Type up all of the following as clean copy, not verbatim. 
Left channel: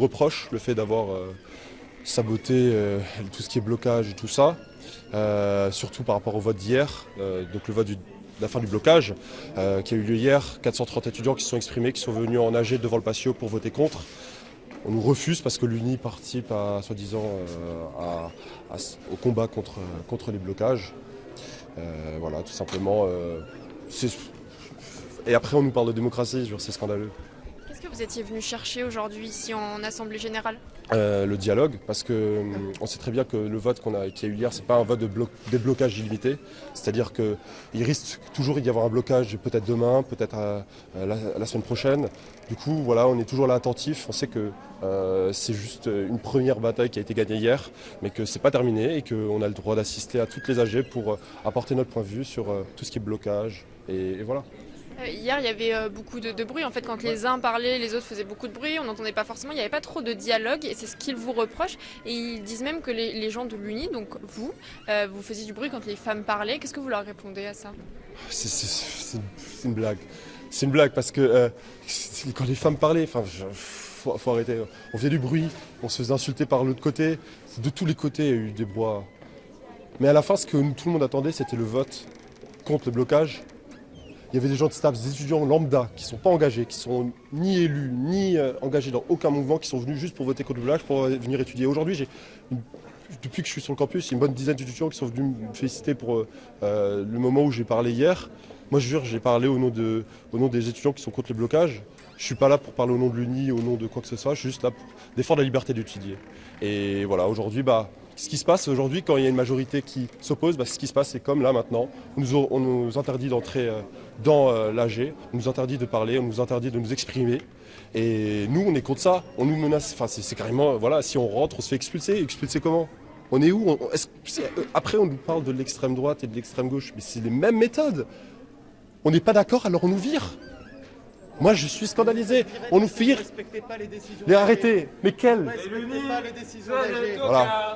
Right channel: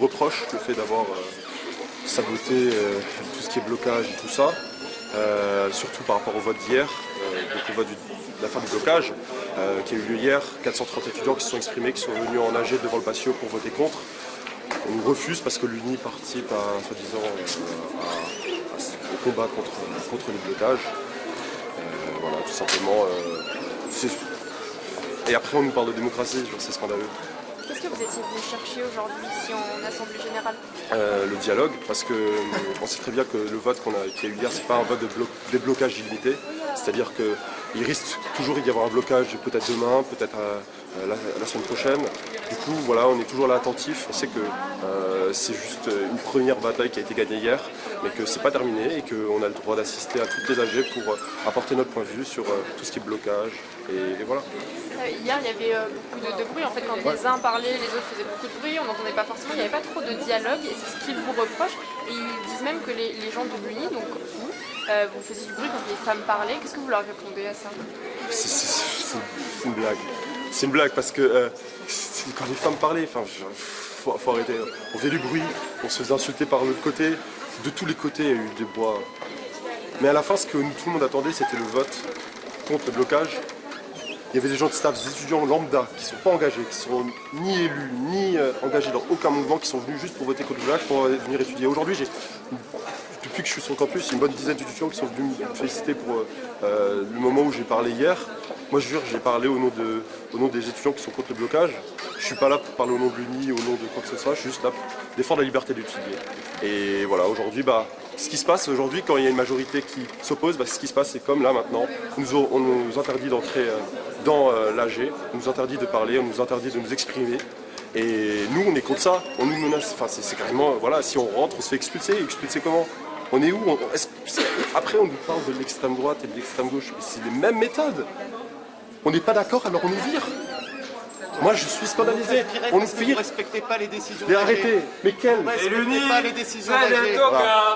reproche le fait d'avoir saboté tout ce qui est blocage et tout ça, surtout par rapport au vote d'hier, donc le vote de la fin du blocage, qui a eu lieu hier. 430 étudiants qui se sont exprimés, qui sont venus en AG devant le patio pour voter contre. On nous refuse parce que l'UNI participe à, soi-disant, au combat contre les blocages. Voilà, tout simplement. Et après, on nous parle de démocratie, c'est scandaleux. Qu'est-ce que vous étiez venu chercher aujourd'hui ici en Assemblée Générale? Le dialogue, parce qu'on sait très bien que le vote qu'il y a eu hier, c'est pas un vote de déblocage illimité. C'est-à-dire qu'il risque toujours d'y avoir un blocage, peut-être demain, peut-être la semaine prochaine. Du coup, voilà, on est toujours là attentif. On sait que c'est juste une première bataille qui a été gagnée hier, mais que c'est pas terminé et qu'on a le droit d'assister à toutes les AG pour apporter notre point de vue sur tout ce qui est blocage. Et voilà. Hier, il y avait beaucoup de bruit. En fait, quand les uns parlaient, les autres faisaient beaucoup de bruit. On n'entendait pas forcément. Il n'y avait pas trop de dialogue. Et c'est ce qu'ils vous reprochent. Et ils disent même que les gens de l'UNI, donc vous, vous faisiez du bruit quand les femmes parlaient. Qu'est-ce que vous leur répondez à ça? C'est une blague. C'est une blague parce que quand les femmes parlaient, faut arrêter. On faisait du bruit, on se faisait insulter par l'autre côté. De tous les côtés, il y a eu des bois. Mais à la fin, ce que tout le monde attendait, c'était le vote contre le blocage. Il y avait des gens de staff, des étudiants lambda qui ne sont pas engagés, qui sont ni élus, ni engagés dans aucun mouvement, qui sont venus juste pour voter contre le blocage, pour venir étudier. Aujourd'hui, depuis que je suis sur le campus, il y a une bonne dizaine d'étudiants qui sont venus me féliciter pour le moment où j'ai parlé hier. Moi, je jure, j'ai parlé au nom des étudiants qui sont contre le blocage. Je ne suis pas là pour parler au nom de l'UNI, au nom de quoi que ce soit, je suis juste là pour défendre la liberté d'étudier. Et voilà, aujourd'hui, ce qui se passe aujourd'hui, quand il y a une majorité qui s'oppose, ce qui se passe, c'est comme là maintenant, on nous interdit d'entrer dans l'AG, on nous interdit de parler, on nous interdit de nous exprimer. Et nous, on est contre ça, on nous menace. Enfin, c'est carrément, voilà, si on rentre, on se fait expulser. Expulser comment? On est où? Après, on nous parle de l'extrême droite et de l'extrême gauche, mais c'est les mêmes méthodes. On n'est pas d'accord, alors on nous vire. Moi, je suis scandalisé. On nous vire. Vous ne respectez pas les décisions. Mais arrêtez. Mais quelles? Vous ne respectez pas les décisions d'AG.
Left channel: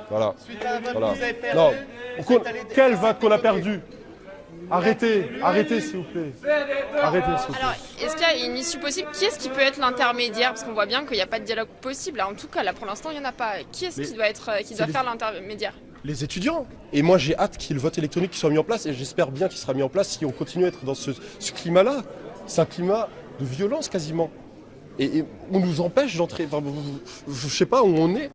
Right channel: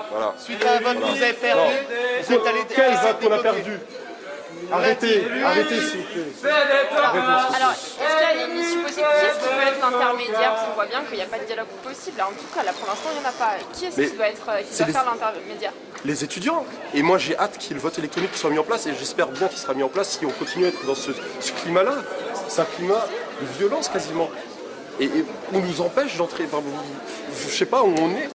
Voilà. Suite à un vote que vous avez perdu. Quel vote qu'on a perdu? Arrêtez, s'il vous plaît. Alors, est-ce qu'il y a une issue possible? Qui est-ce qui peut être l'intermédiaire? Parce qu'on voit bien qu'il n'y a pas de dialogue possible. En tout cas, là, pour l'instant, il n'y en a pas. Qui est-ce qui doit faire l'intermédiaire? Les étudiants. Et moi, j'ai hâte qu'il y ait le vote électronique qui soit mis en place. Et j'espère bien qu'il sera mis en place si on continue à être dans ce climat-là. C'est un climat de violence quasiment. Et on nous empêche d'entrer. Je ne sais pas où on est.